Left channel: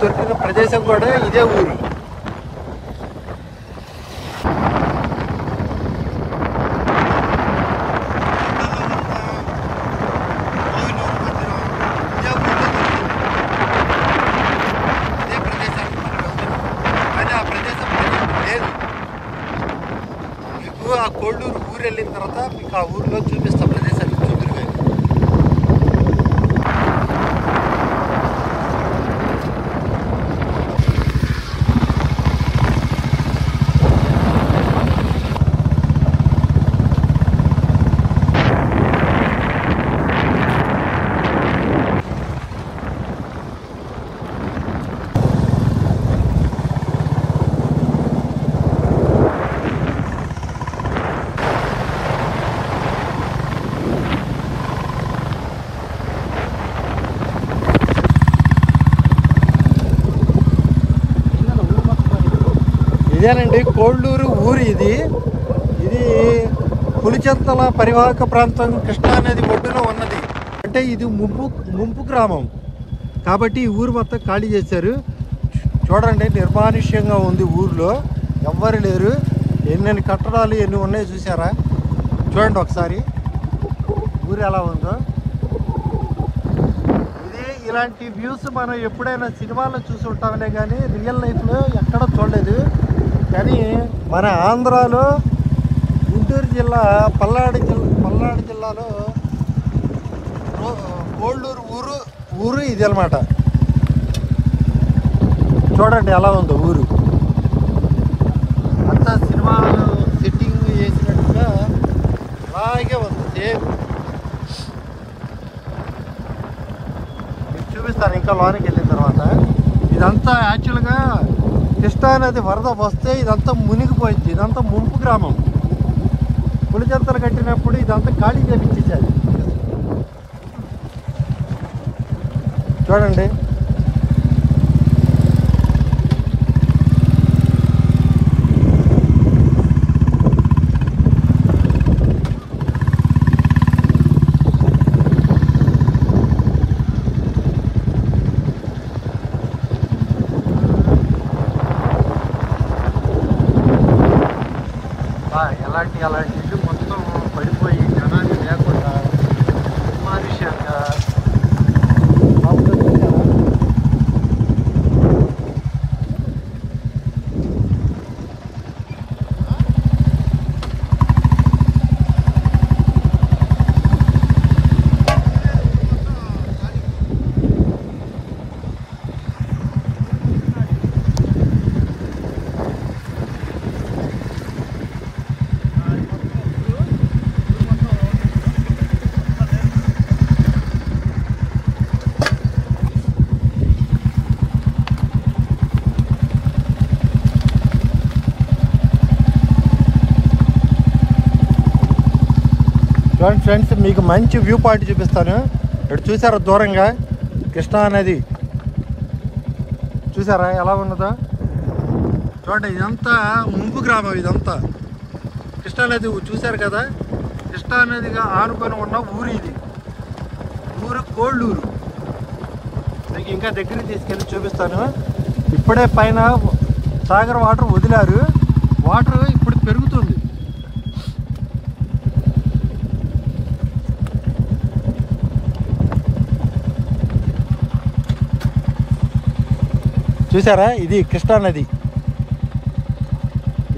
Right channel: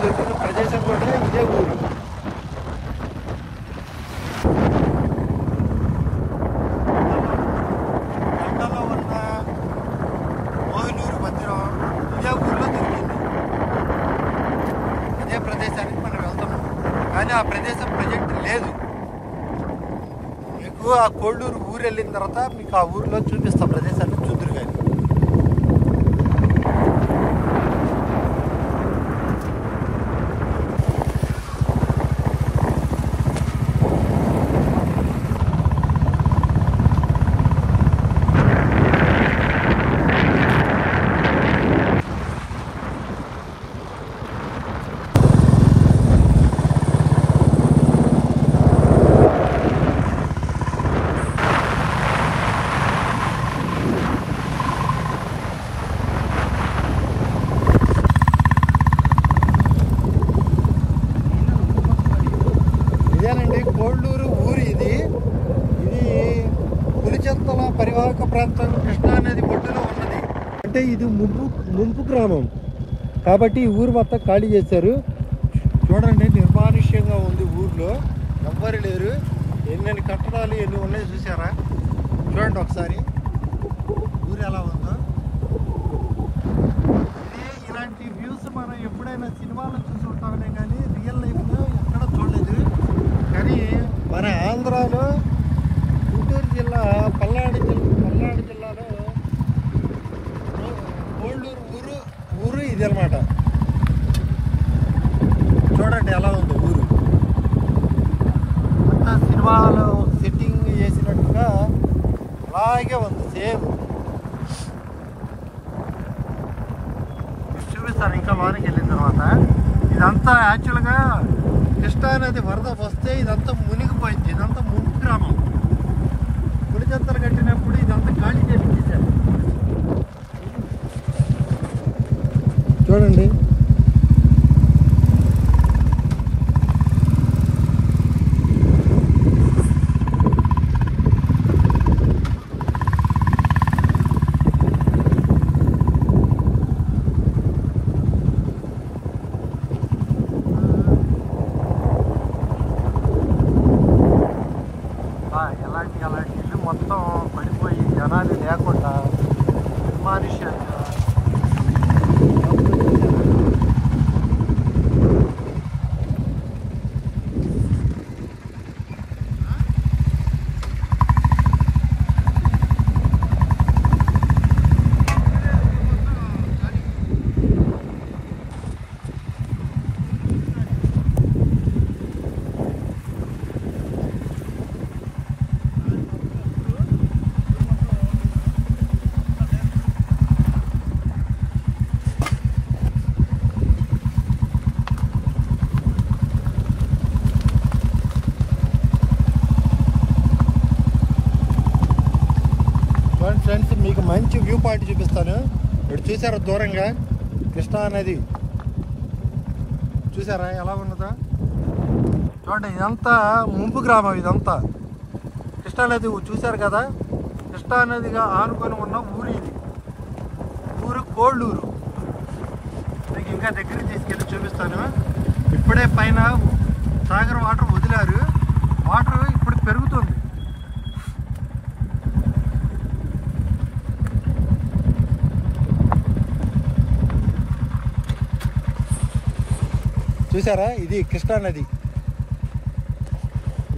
దొరికిన ప్రదేశం కూడా ఇదే ఊరు. ఆ కోళ్ళూరు ఊరు వెళ్ళిన తర్వాత మీకు ఆ ఊరిలో చూపిస్తా ప్రదేశాన్ని చూద్దరుగా. ఇదేనండి కోళ్ళూరు ఊరు. ఇది పులిచెంతల పరివాహక ప్రాంతం కృష్ణానది ఒడ్డున ఉన్నది. అంటే ఇది ముంపు గ్రామం కాబట్టి ఈ ఊరు మొత్తం ఖాళీ చేశారు. చూడండి, నిర్మానుష్యంగా ఉంది. ఊర్లో ఎవ్వరు లేరు. ఎన్ని కట్టడాలు ఎన్ని ఉన్నాయో చూసారా? చూడండి ఒకసారి ఊరు ఎలా ఉందో. ఇలాంటి వ్యూస్ మనం ఎప్పుడైనా సినిమాల్లో చూసి ఉంటామనే కానీ రియల్ లైఫ్లో ఎక్కడ చూడలేదు. కానీ మన ఆంధ్రాలో గుంటూరు జిల్లా పల్నాడు జిల్లాలో కోళ్ళూరు ఊరు ఇది అన్నమాట. చూడండి ఎలా ఉందో ఊరు. అంతా సినిమాలు సెట్టింగ్ చేసినట్టుగా అలాగే ఉంది సేమ్. చూపిస్తాను ఇంకా లోనికి వెళ్ళిన తర్వాత. ఇదంతా యాక్చువల్గా కృష్ణానది వరద వస్తే ఇదంతా మునిగిపోయింది. ఇదంతా ముంపు గ్రామం. పులిచెంతలు కట్టినప్పుడు ఇదంతా ఖాళీ చేపించేశారు. చూడండి అలాంటి ఇల్లు మొత్తం పడిపోయి జనాలు లేకుండా నిర్మానుష్యంగా. ఫ్రెండ్స్, మీకు మంచి వ్యూ పాయింట్ చూపిస్తాను. ఇక్కడ చూసారా దూరంగా కృష్ణానది చూసారా ఎలా ఉన్నదో? చూడండి, ఇదంతా ముంపు గ్రామం. ఇదంతా కృష్ణానది చూశారు కదా. కృష్ణానదిగా ఆనుకొని ఉన్న ఊరు ఇది. ఊరు కోళ్ళూరు. మీకు ఇంకా దగ్గరికి తీసుకెళ్ళి చూపిస్తాను. ఇప్పుడే పైన సాగర్ వాటర్ వదిలారు. వాటర్ ఇప్పుడు పెరుగుతుంది. చూసారా, ఇది కృష్ణానది.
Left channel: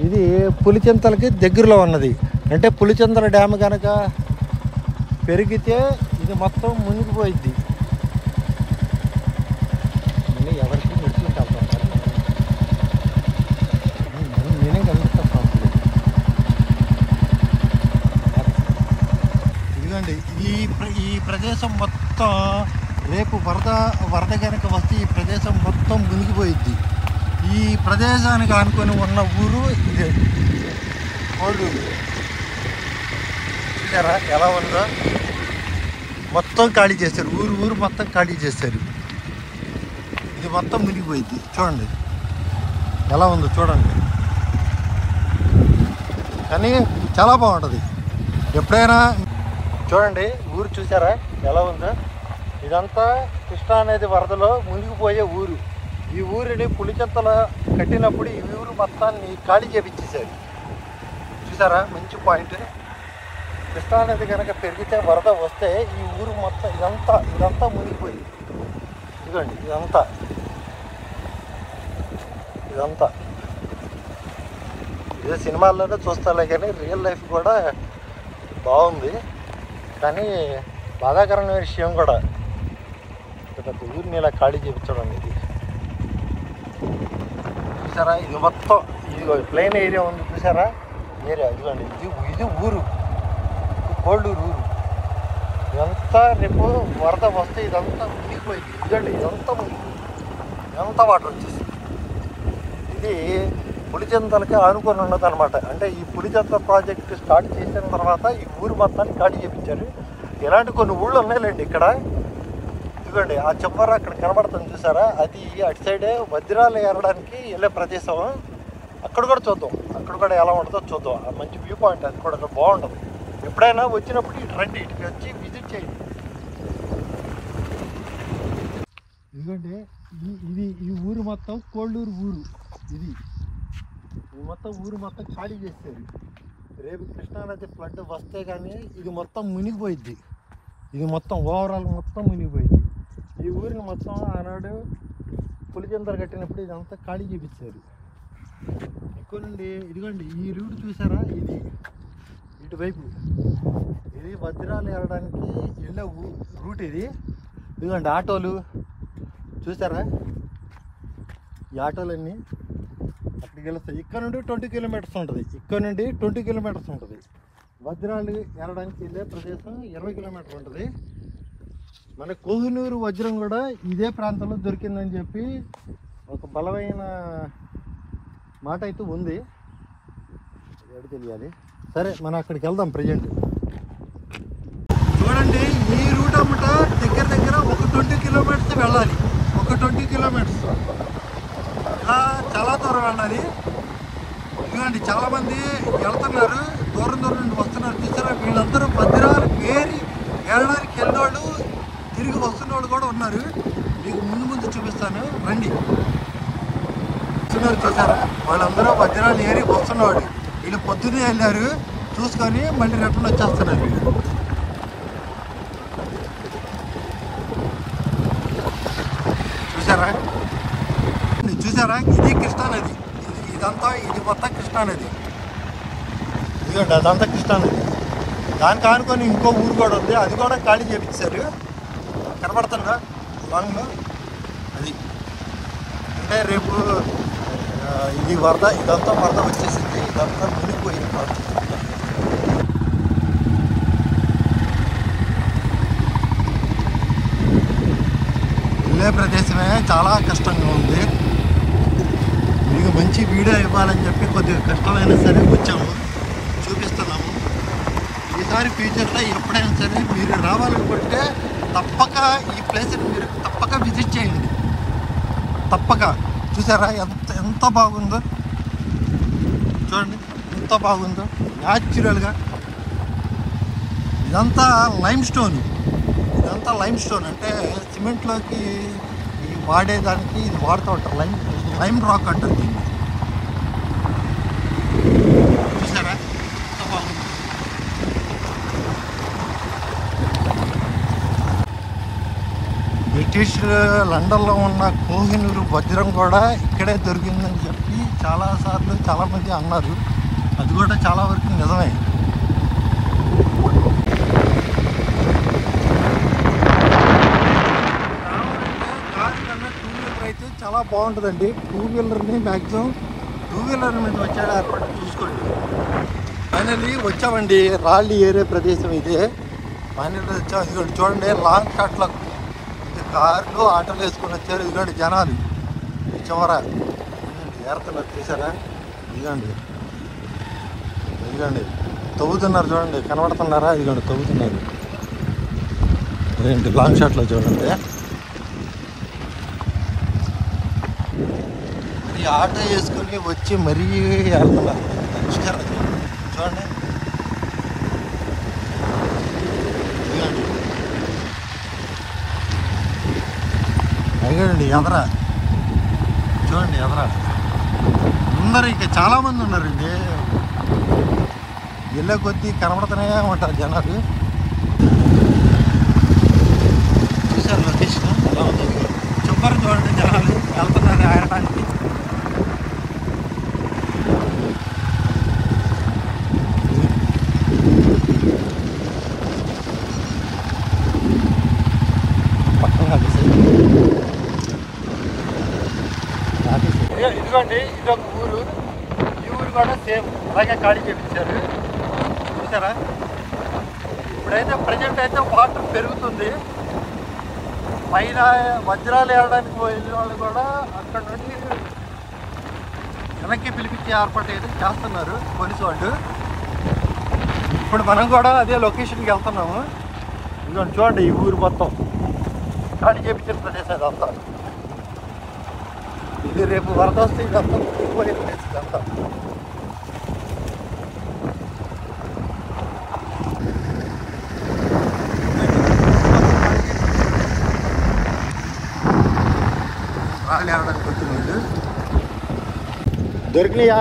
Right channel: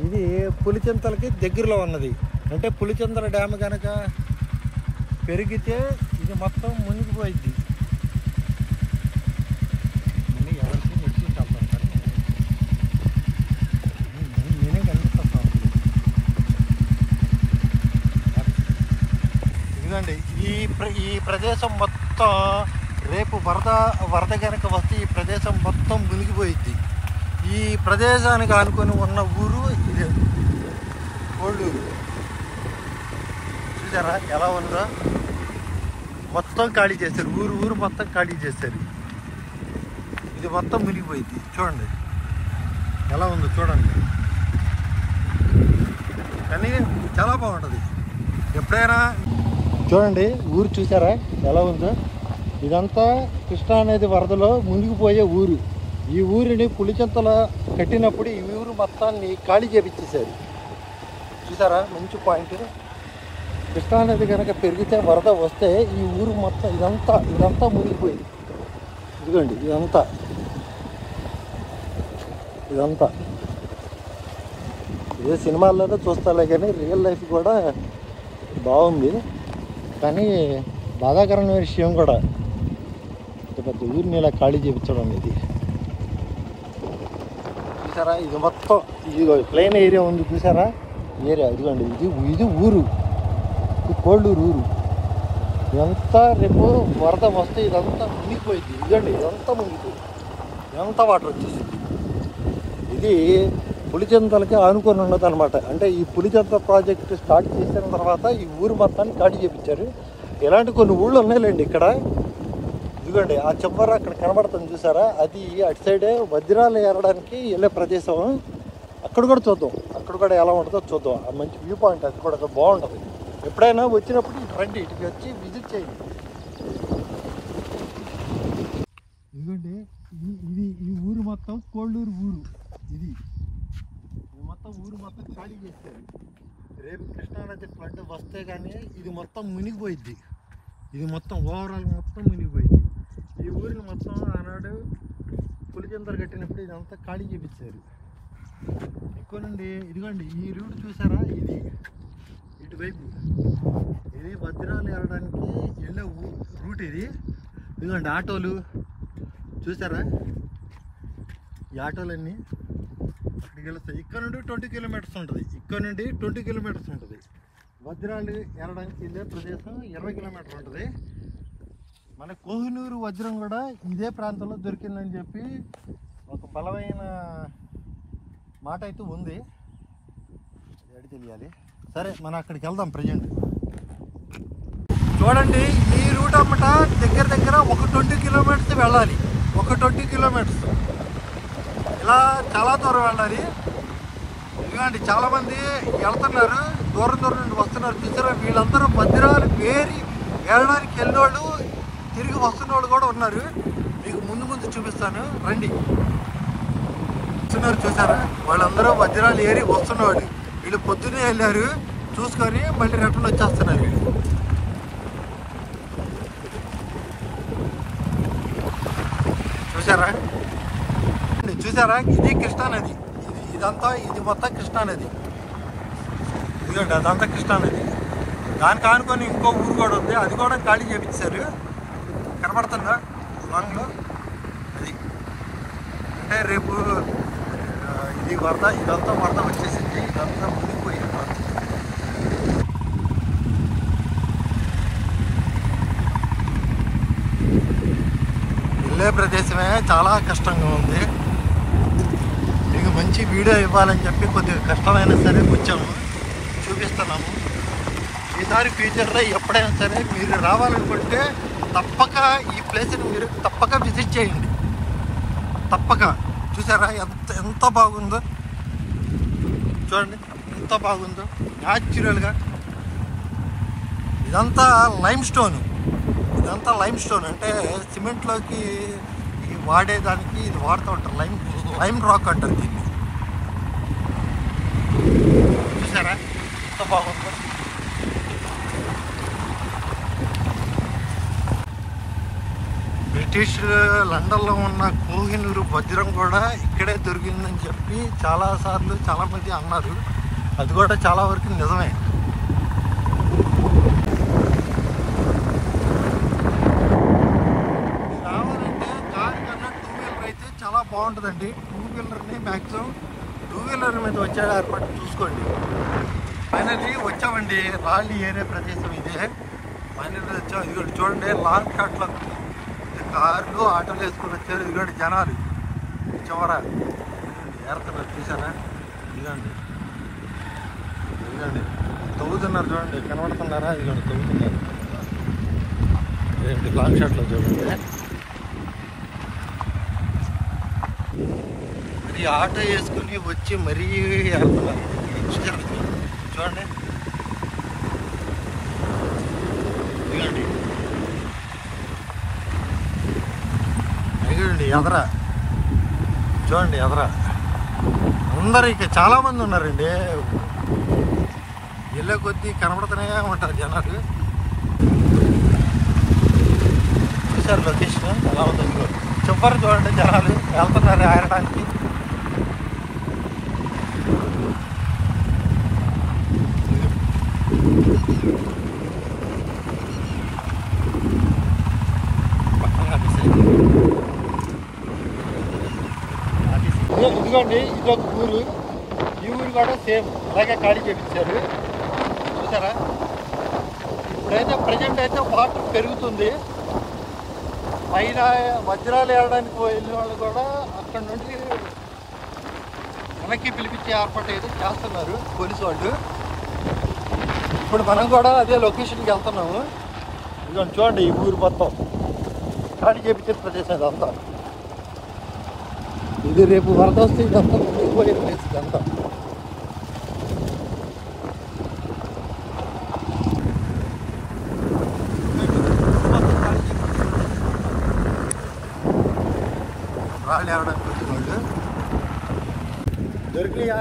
ఇది పులిచెంతలకి దగ్గరలో ఉన్నది. అంటే పులిచెంతల డ్యామ్ కనుక పెరిగితే ఇది మొత్తం మునిగిపోయిద్ది. ఇదండి ఈ ప్రదేశం మొత్తం రేపు వరద కనుక వస్తే ఈ ప్రదేశం మొత్తం మునిగిపోయిద్ది. ఈ ప్రదేశానికి ఆనుకొని ఉన్న ఊరు ఇదే కోళ్ళూరు. చూసారా ఎలా ఉందో? మొత్తం ఖాళీ చేశారు. ఊరు మొత్తం ఖాళీ చేశారు. ఇది మొత్తం మునిగిపోయిద్ది. చూడండి ఎలా ఉందో చూడండి. కానీ చాలా బాగుంటుంది. ఎప్పుడైనా చూడండి ఊరు చూసారా ఎలా ఉందో? ఇదంతా కృష్ణానది వరదలో మునిగిపోయే ఊరు. ఈ ఊరిని పులిచెంతల కట్టినప్పుడు ఈ ఊరు మొత్తాన్ని ఖాళీ చేపించేశారు. చూసారా, మంచి పాయింట్. కృష్ణానది కనుక పెరిగితే వరద వస్తే ఈ ఊరు మొత్తం ఇదంతా మునిగిపోయింది. ఇదిగోండి, ఇదంతా ఇదే సినిమాల్లోనే చూస్తాలే కానీ రియల్ లైఫ్ కూడా బాగుంది. కానీ బాధాకరమైన విషయం కూడా పెద్ద ఊరిని ఇలా ఖాళీ చేయించడం అనేది. చూసారా, ఇది మొత్తం ఇది ప్లెయిన్ ఏరియా ఉంది. చూసారా ఏరియా, ఇదిగోండి, ఇది ఊరు, ఇది కోళ్ళూరు ఊరు. ఇదంతా రేపు వరద వస్తే ఇదంతా మునిగిపోయింది. ఇదిగోండి, ఇదంతా మునిగిపోయింది, ఇదంతా వాటర్ వచ్చేసింది. ఇది పులిచెంతలకి ఆనుకొని ఉన్నది అనమాట. అంటే ఈ పులిచెంతల ప్రాజెక్ట్ స్టార్ట్ చేసిన తర్వాత ఈ ఊరు మొత్తాన్ని ఖాళీ చేయించారు. ఇలాంటి కొన్ని ఊళ్ళు ఉన్నాయిలేండి ఇక్కడ. ఇదిగోండి, ఆ చెప్పర అక్కడ కనబడుతుంది చూసారా, అది అటు సైడే వజ్రాలు ఏరడానికి వెళ్ళే ప్రదేశం. అక్కడ కూడా చూద్దాం, అక్కడ కూడా ఎలా ఉంటుందో చూద్దాం. ఆ మంచి వ్యూ పాయింట్, అది కూడా బాగుంటుంది. ఎప్పుడైనా వచ్చినప్పుడు ఇటు రండి, ఇటుకి వచ్చి విజిట్ చేయండి. ఇదిగోండి, ఈ ఊరు మొత్తం కోళ్ళూరు ఊరు. ఇది మొత్తం ఊరు మొత్తం ఖాళీ చేస్తారు. రేపు కృష్ణానది ఫ్లడ్ వస్తే కానీ ఇది మొత్తం మునిగిపోయిద్ది. ఇది మొత్తం ఓవరాల్ మొత్తం మునిగిపోయింది. ఈ ఊరిని మొత్తం ఆనాడు పులిచెంతలు కట్టినప్పుడు ఇదంతా ఖాళీ చేపించారు. ఎక్కువ నుండి ఇదిగోండి, ఈ రూట్ చూసారా, ఇది ఇటువైపు ఇది వజ్రాలు వెళ్ళడానికి వెళ్ళే రూట్ ఇది. ఇదిగోండి ఆటోలు చూసారా, ఈ ఆటోలన్నీ అక్కడికి వెళ్తాయి. ఇక్కడ నుండి 20 కిలోమీటర్స్ ఉంటుంది. ఇక్కడ నుండి 20 కిలోమీటర్స్ ఉంటుంది. వజ్రాలు వెళ్ళడానికి వెళ్ళే ప్రదేశం 20 కిలోమీటర్లు ఉంటుంది. మన కోహినూరు వజ్రం కూడా ఇదే ప్రాంతంలో దొరికిందని చెప్పి ఒక బలమైన మాట అయితే ఉంది. అది తెలియాలి. సరే, మనం అక్కడికి వెళ్దాం. ప్రజెంట్ చూడండి, ఈ రూట్ అమ్మట దగ్గర ఒక 20 కిలోమీటర్స్ వెళ్ళాలి. ఒక 20 కిలోమీటర్స్ ఇలా చాలా దూరం వెళ్ళాలి. ఇదిగోండి, చాలామంది వెళ్తున్నారు, దూరం నుండి వస్తున్నారు. చూసారా, వీళ్ళందరూ వజ్రాలు వేరి వెళ్ళడానికి వెళ్ళేవాళ్ళు, తిరిగి వస్తున్న వాళ్ళు కూడా ఉన్నారు. మీకు ముందు చూపిస్తాను, రండి. వస్తున్నారు చూసారా, వాళ్ళందరూ వజ్రాలు ఏరి వస్తున్నవాడు. వీళ్ళు పొద్దున్నే వెళ్ళారు, చూసుకొని మళ్ళీ రిటర్న్ వచ్చేస్తున్నారు. వీళ్ళు చూసారా, ఇది కృష్ణానది. ఇది మొత్తం కృష్ణానది. ఇదిగోండి, అదంతా కృష్ణానది. దానికి ఆనుకొని ఇంకో ఊరు కూడా ఉంది, అది కూడా ఖాళీ చేపించారు. కనబడుతుందా లాంగ్లో? అది అంటే రేపు ఇది ఇదంతా వరద వచ్చేసింది. ఇదంతా మునిగిపోయింది. వెళ్ళే ప్రదేశమే చాలా కష్టంగా ఉంది. మీకు మంచి వీడియో ఇవ్వాలని చెప్పి కొద్దిగా కష్టమైనా సరే వచ్చాము, చూపిస్తున్నాము. ఈసారి ఫ్యూచర్లో ఎప్పుడైనా సరే మీరు రావాలనుకుంటే తప్పక ఈ ప్లేస్ని మీరు తప్పక విజిట్ చేయండి. తప్పక. చూసారా ఎంత బాగుందో, చూడండి ఎంత బాగుందో న్యాచురల్గా. ఇదంతా లైమ్ స్టోన్ అంటే సిమెంట్లోకి వాడేదానికి ఇది వాడుతూ ఉంటారు. లైమ్ రాక్ అంటారు దీన్ని. చూసారా ఎంత బాగుందో. బ్రిటిష్ లండన్లో ఉన్న కోహినూరు వజ్రం కూడా ఇక్కడే దొరికిందని చెప్పి చాలాసార్లు చాలామంది అన్నారు. అది కూడా చాలా వరకు నిజమే. అయితే చాలా బాగుంటుందండి. 2 వీలర్ని మ్యాక్సిమం 2 వీలర్ మీద వచ్చాడు ఏర్పాటు చూసుకోండి. ఫైనల్లీ వచ్చామండి, రాళ్ళి ఏరే ప్రదేశం ఇదే. ఫైనల్లీ వచ్చాం. ఇదిగోండి చూడండి, లాంగ్ షాట్లో కార్లు ఆటోలు వేసుకొని వచ్చారు. ఇదిగోండి జనాలు చివర ఏరుతున్నారు. చూసారా, ఇదిగోండి తవ్వుతున్నారు. చూడండి కనబడుతున్నారా, ఇదిగోండి తవ్వుతున్నారు. అదేంటి లాంగ్ షాట్లో చూడండి. మరి ఆటో వేసుకొని వచ్చి మరీ వెళ్తున్నారు. చూడండి అయ్యండి ఎదరా చూడండి ఎదరా అందరు ఇక చాలామంది ఉన్నారండి. ఇళ్ళ కొద్దీ కనబడుతూనే ఉంటారు జనాలు. చూసారు లొకేషన్ ఎలా ఉందో చెప్పారు. చూడండి జనాలు వెళ్తున్నారు ఆడటానికి. ఇదిగోండి ఇదొక ఊరు. ఈ ఊరు కూడా సేమ్ అలాగే ఖాళీ చేయించారు. చూసారా? ఇప్పుడైతే ప్రజెంట్ అయితే వాటర్ పెరుగుతుంది. పైన వజ్రాలు వెళ్ళడానికి వెళ్ళే వాళ్ళు కూడా అక్కడ నుండి వెనక్కి పిలిపించే ఏర్పాటు అయితే చేస్తున్నారు పోలీసు వాళ్ళు. ఇప్పుడు మనం కూడా అదే లొకేషన్కి వెళ్తున్నాము. ఇదిగోండి చూడండి ఈ ఊరు మొత్తం ఖాళీ చేయించిన ప్రదేశం ఇదంతా. ఇది రేపు వరద వస్తే ఇదంతా పోయే ప్లేస్ ఇదంతా. రాళ్ళు ఏరడానికి వచ్చిన వాళ్ళు దొరికినాయా?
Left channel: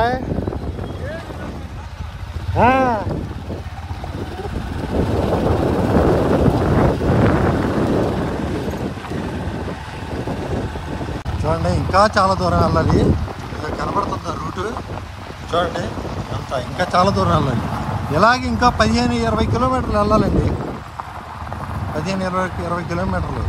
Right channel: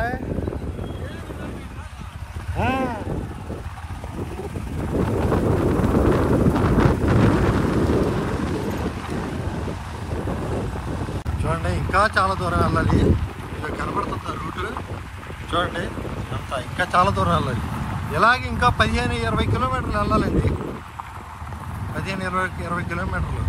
చూడండి ఇంకా చాలా దూరం వెళ్ళాలి. ఇలా కనబడుతుంది రూటు. చూడండి అంతా ఇంకా చాలా దూరం వెళ్ళాలి. ఇలాగే ఇంకా 15-20 కిలోమీటర్లు వెళ్ళాలండి. 15-20 కిలోమీటర్లు.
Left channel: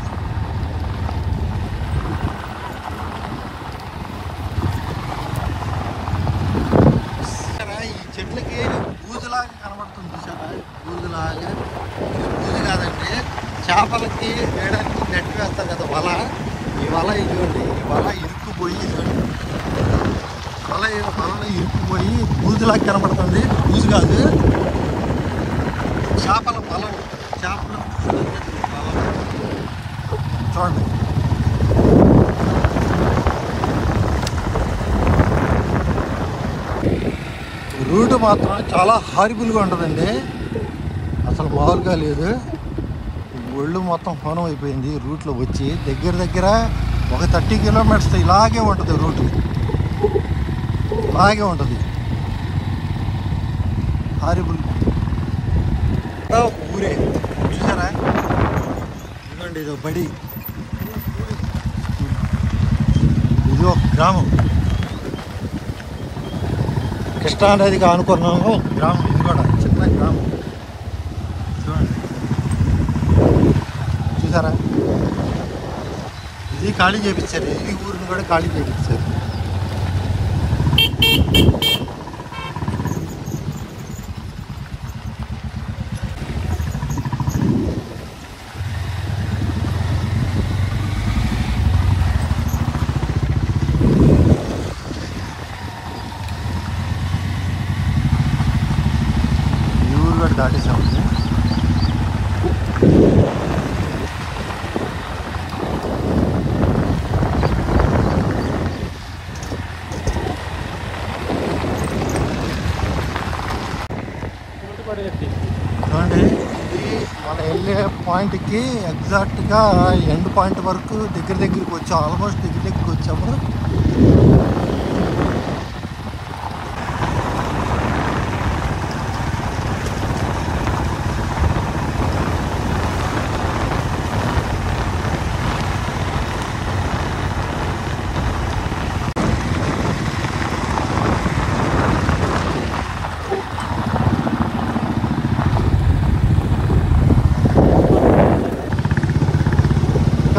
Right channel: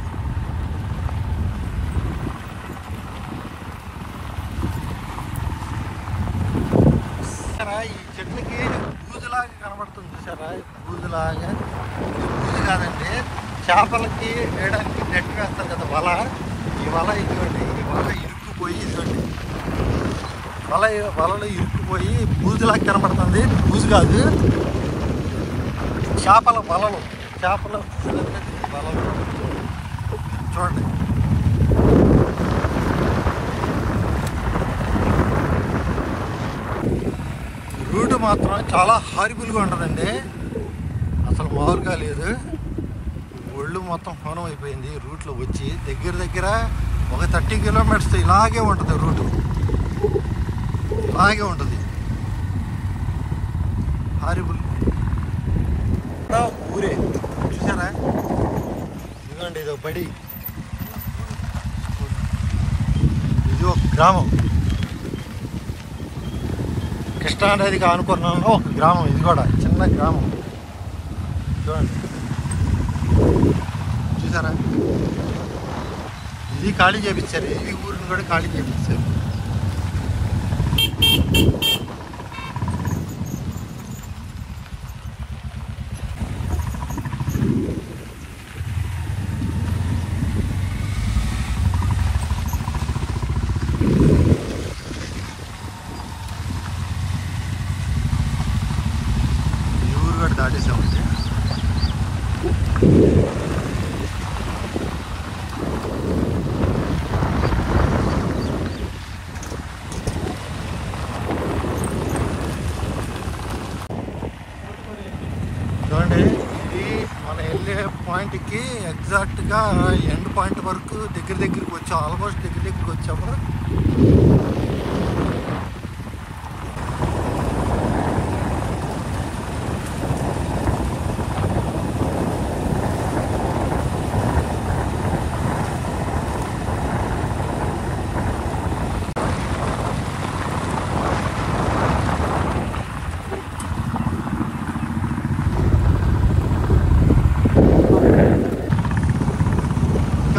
ఈ చెట్లకి బూజులాగా కనబడుతుంది చూసారా? బూజులాగా. బూజు కాదండి, చేపలకి వేయడానికి నెట్ వేస్తారు కదా వల. ఈ వల ఇదిగోండి, ఈ వల ఇరుక్కుపోయి ఇదిగోండి వలలో ఇరుక్కుపోయి బూజులాగా కనబడుతుంది. బూజు కాదు, చేపల వలలు. చేపల వలలు చూడండి. రూట్ మాత్రం చాలా హారిబుల్గా ఉంటుందండి. అసలు మామూలుగా లేదు. ఒళ్ళు మొత్తం హోనం అయిపోయింది రూట్లో వచ్చి. దగ్గర ఒక 30 కిలోమీటర్స్ ఇలాగే ఉంటుంది రూటు. ఇలాగే ఉంటుంది హారిబుల్. ఊరే చూసారా? ఇదిగోండి ఇది బడి. ఇది ఒక గ్రామం. కృష్ణా నదికి ఆనుకున్నాము ఒక గ్రామం. ఇది కూడా చిన్న గ్రామం. చూడండి చూసారా? ఇది ఖాళీ చేయించారు. ఈ ఊరిని కూడా ఖాళీ చేయించారు. ఈ ఊరు కూడా దాటేసామండి. చూడండి ఇది మన వెళ్ళే పాయింట్కి ఎగ్జాక్ట్గా ఎండ్ పాయింట్ వరకు దగ్గరికి వచ్చాము. ఆల్మోస్ట్ దగ్గరికి వచ్చాము.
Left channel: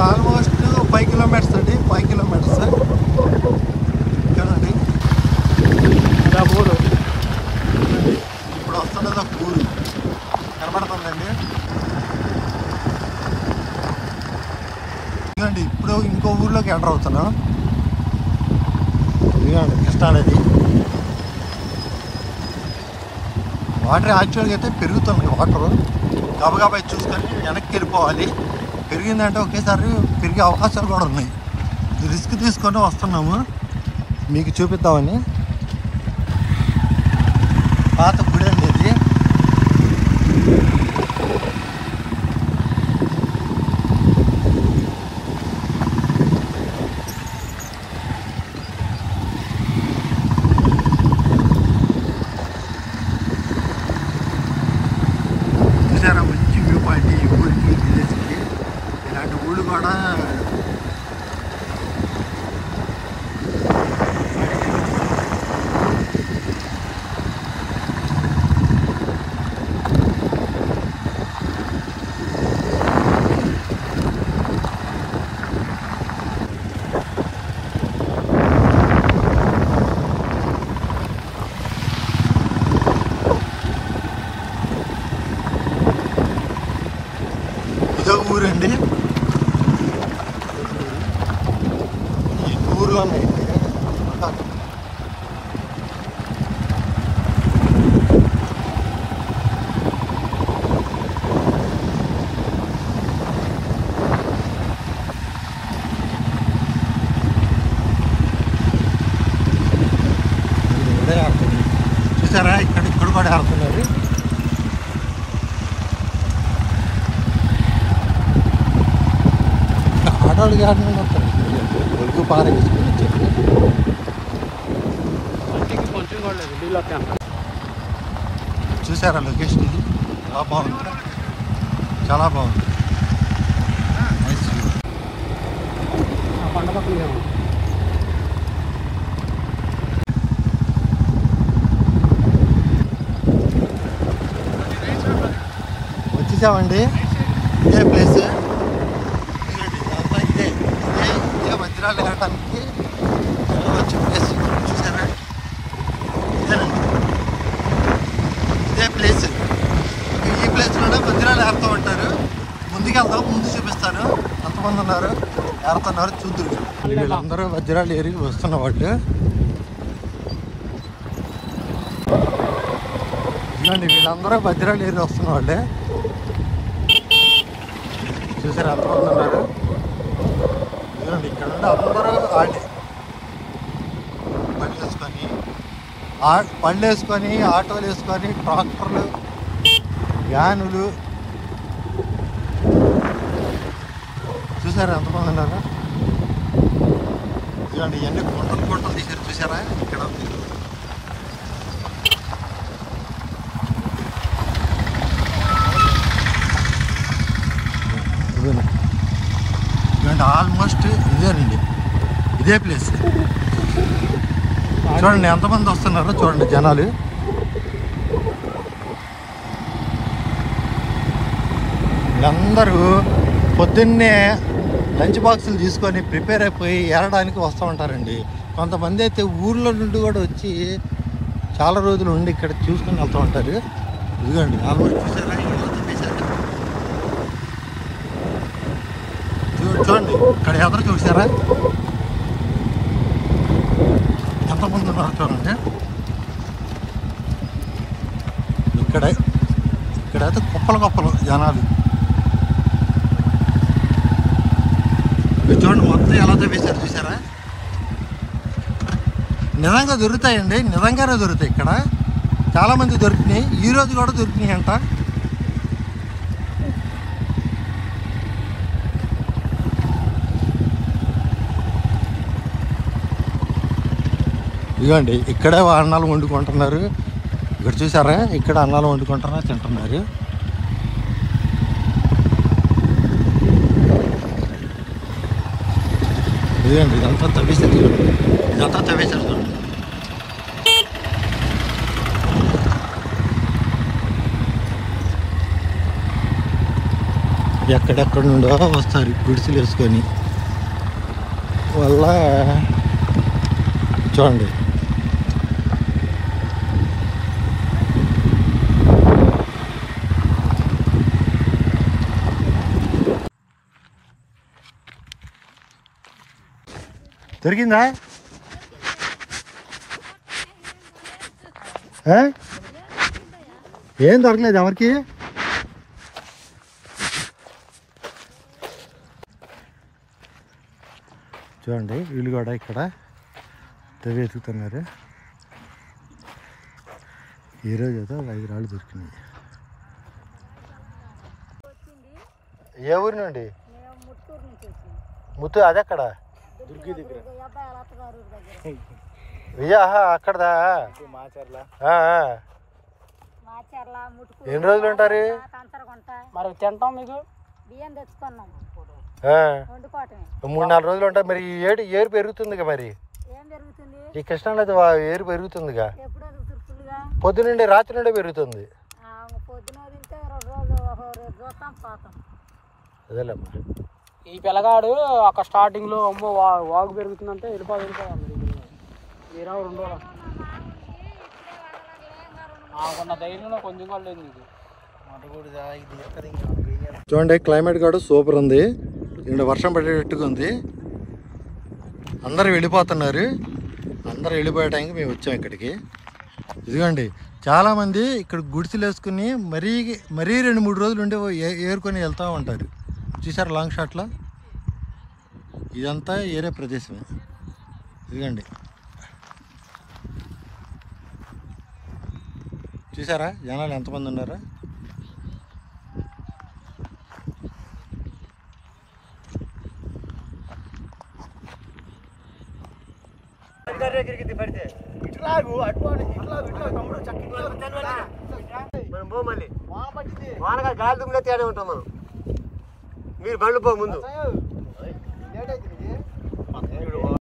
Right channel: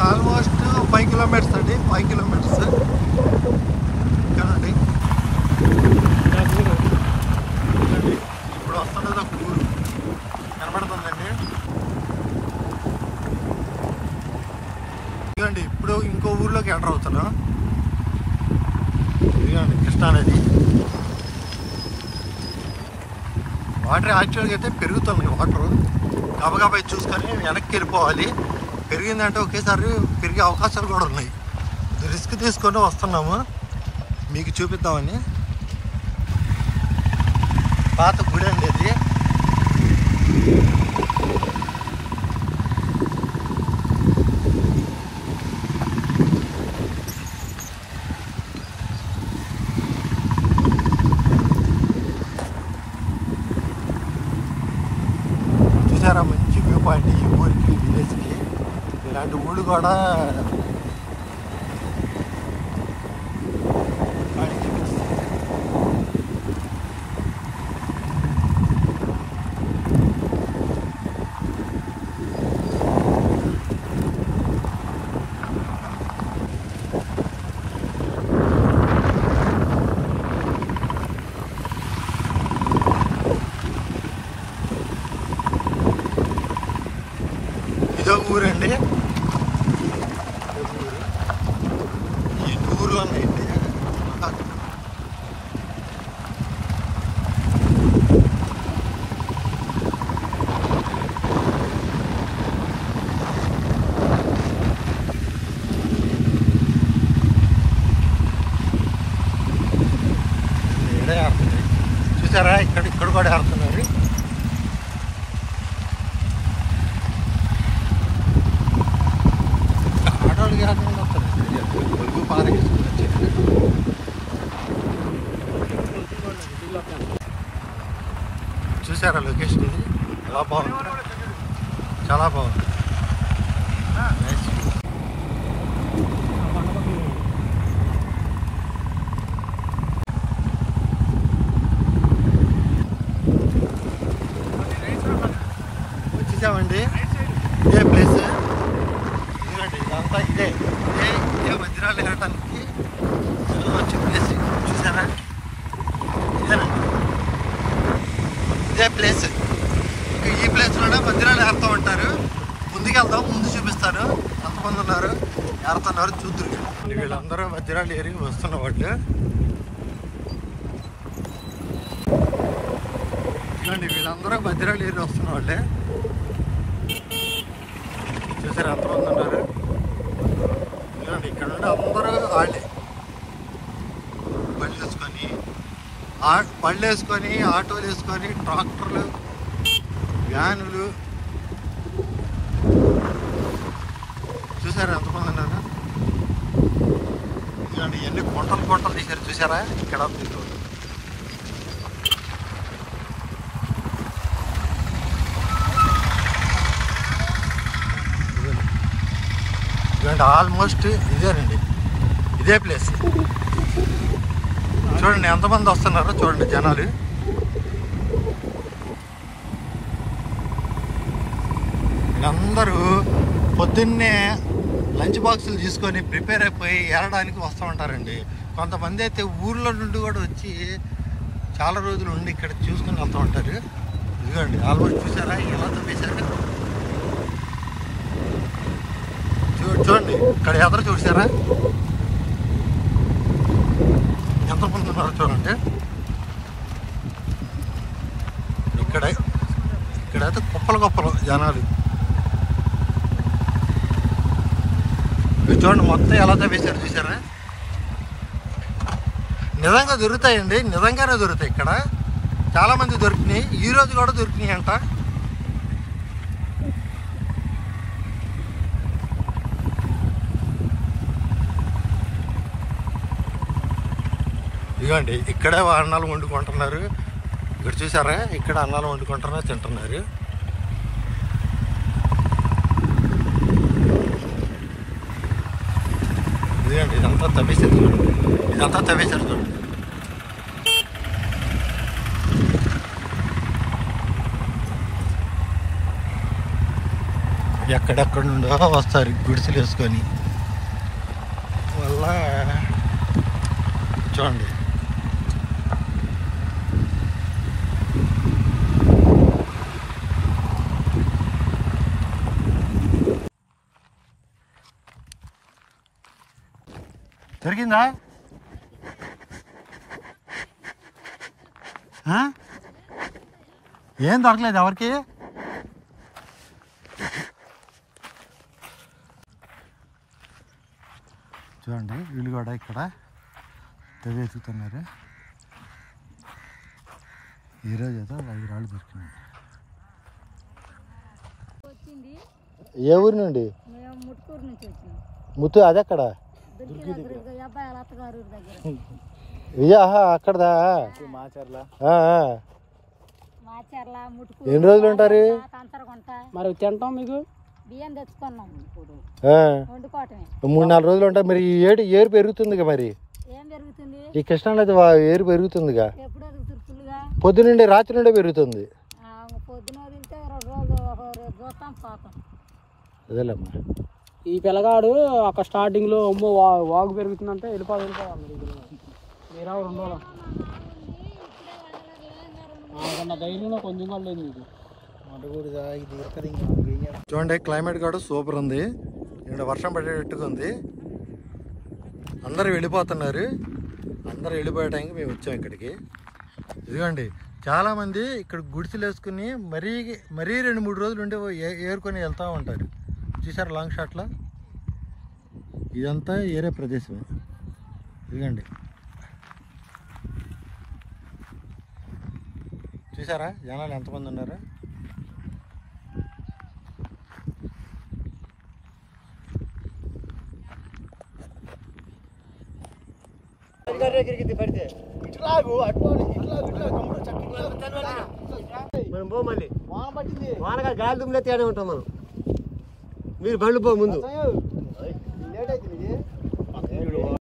ఆల్మోస్ట్ 5 కిలోమీటర్స్ అండి. 5 కిలోమీటర్స్ కదండి. ఇప్పుడు వస్తున్నది ఒక ఊరు కనబడుతుందండి. ఇదిగోండి ఇప్పుడు ఇంకో ఊర్లోకి ఎంటర్ అవుతున్నాం. ఇదిగోండి కృష్ణానది. వాటర్ యాక్చువల్గా అయితే పెరుగుతుంది. వాటర్ గబగబా చూసుకొని వెనక్కి వెళ్ళిపోవాలి. పెరిగిందంటే ఒకేసారి పెరిగే అవకాశాలు కూడా ఉన్నాయి. రిస్క్ తీసుకొని వస్తున్నాము మీకు చూపిద్దామని. పాత గుడి అండి ఇది. చూసారా ఇక్కడ కూడా ఆడుతున్నారు. ఆడవాళ్ళు కాదు వస్తారు ఒడుగు పారేసుకొని వచ్చారు. చూసారా లొకేషన్ ఇది చాలా బాగుంది, చాలా బాగుంది. Nice view. వచ్చేసామండి. ఇదే ప్లేస్, ఇదంతా ఇదే వజ్రాలు వెళ్ళడానికి వచ్చే ప్లేస్. చూసారా ఇదేనండి, ఇదే ప్లేస్. ఈ ప్లేస్లోనే వజ్రాలు ఏరుతూ ఉంటారు. ముందుకెళ్తాం, ముందు చూపిస్తాను ఎంతమంది ఉన్నారు, ఏరుతున్నారు చూద్దరు. వీళ్ళందరూ వజ్రాలు ఏరి వస్తున్న వాళ్ళు. ఇదండి వీళ్ళందరూ వజ్రాలు ఏరి వస్తున్న వాళ్ళే. చూసారు ఎంతమంది ఉన్నారు. ఇదండి ఇక్కడ నుండి అందరూ పళ్ళు వేసుకొని ఆటోలు వేసుకొని ట్రాక్టర్లు వ్యానులు చూసారా ఎంతమంది ఉన్నారు. ఇదండి ఇవన్నీ గుంటలు తీసారు చూసారా. ఇక్కడ ఇదండి ఆల్మోస్ట్ ఇదేనండి, ఇదే ప్లేస్. చూడండి ఎంతమంది వస్తున్నారో చూడండి జనాలు. వీళ్ళందరూ పొద్దున్నే లంచ్ బాక్సులు తీసుకొని ప్రిపేర్ అయిపోయి ఏరడానికి వస్తూ ఉంటారండి. కొంతమంది అయితే ఊర్లో నుండి కూడా వచ్చి చాలా రోజులు ఉండి ఇక్కడ చూసుకొని వెళ్తూ ఉంటారు. ఇదిగోండి ఆల్మోస్ట్ చూసారా చూడండి ఇక్కడ ఎదురు చూసారా ఎంతమంది ఉన్నారు చూడండి. ఇక్కడైతే కుప్పలు జనాలు. చూడండి మొత్తం ఎలా తవ్వేశారు చూసారా. నిజంగా దొరుకుతాయండి, నిజంగానే దొరుకుతాయి. ఇక్కడ చాలామంది దొరికినాయి, ఈరోజు కూడా దొరికినాయి అంట. ఇదిగోండి ఇక్కడే అన్నాలు వండుకుంటున్నారు. ఇక్కడ చూసారా ఇక్కడ అన్నాలు వండుకుంటున్నారు, తింటున్నారు. ఇదిగోండి ఇదంతా తవ్వేశారు చూడండి, చూడండి. ఎక్కడెక్కడ నుండో వస్తారు గుడిసెలు వేసుకొని. వల్ల చూడండి దొరికిందా? ఏం దొరకలేదు ఎవరికి. చూడండి వీళ్ళు కూడా ఇక్కడ వెతుకుతున్నారు. ఈరోజు అయితే 5 రాళ్ళు దొరికినాయి. ఏ ఊరి నుండి? ముత్తు అదెక్కడ? అక్కడదా? ఎన్ని రోజులు ఉంటారు మరి? తింటాం మీకు 3-4 రోజులు ఉంటారు. మరి ఏరు పెరుగుతుందిగా, మరి ఈ కృష్ణానది ఏరు పెరుగుతుందిగా. పొద్దునుండే రాత్రి నుండే పెరుగుతుంది. అదేలేమ్మా. ఈ పిల్లగాడు అక్కడ స్టార్టింగ్ లో అమ్మో వాగు పెరుగుతుందంటే నాకున్న ధైర్యంలో కొంచెం కూడా లేదు నీకు. చూడండి క్లైమేట్ కూడా సూపర్ ఉంది. ఇక్కడ వర్షం పడేటట్టుగా ఉంది. అందరూ వెళ్ళిపోతున్నారు. అందరూ వెళ్ళిపోయే టైంకి మేము వచ్చాం ఇక్కడికి. ఇదిగోండి చాలామంది ఇక్కడ గుడిసెలు వేసుకుని మరీ 2-3 రోజులు ఉండి ఏరుకొని వెళ్తూ ఉంటారు. చూసారు లాంగ్ షాట్లో. ఇదంతా ఏరే ప్రదేశమే. ఇదిగోండి చూసారా జనాలు ఎంతమంది ఉన్నారా? వానగా గాలి దుమ్ములే తేడా ఉంటాం మనం. మీరు బండ్లు పో ముందు.